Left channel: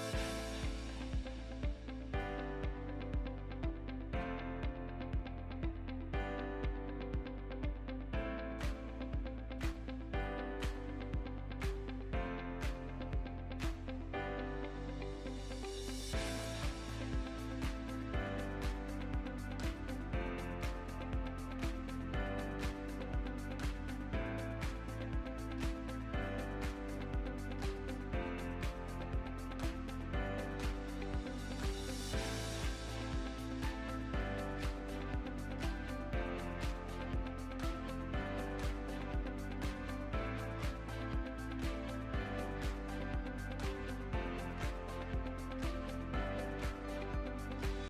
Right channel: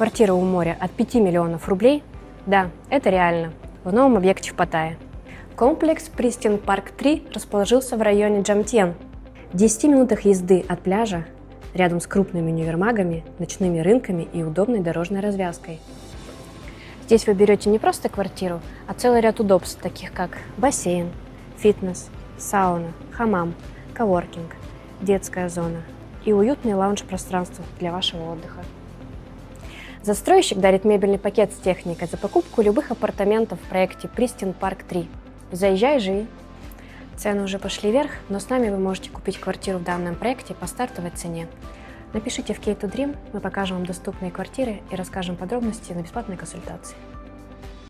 Квартира у моря от 5 миллионов рублей? Да, это реально. В новом объекте в Паттайе. Комплекс Пристин Парк 3 расположился в районе Джамтьен. В 10 минутах езды от пляжа, рядом с крупными универмагами, ночными рынками и удобной дорожной развязкой. Здесь вы берете не просто квартиру, а целый ряд удобств, таких как бассейн, фитнес, сауна, хамам, коворкинг, детская зона и уютные лаунж-пространства для вашего отдыха. Застройщик дарит мебельный пакет с техникой за покупку любых апартаментов в проекте Пристин Парк 3. Заезжай, живи! Цены уже пошли вверх, но с нами вы можете купить квартиру в данном проекте по стартовой цене. Напишите в Key2Dream, мы покажем вам доступные квартиры и расскажем подробности на бесплатной консультации.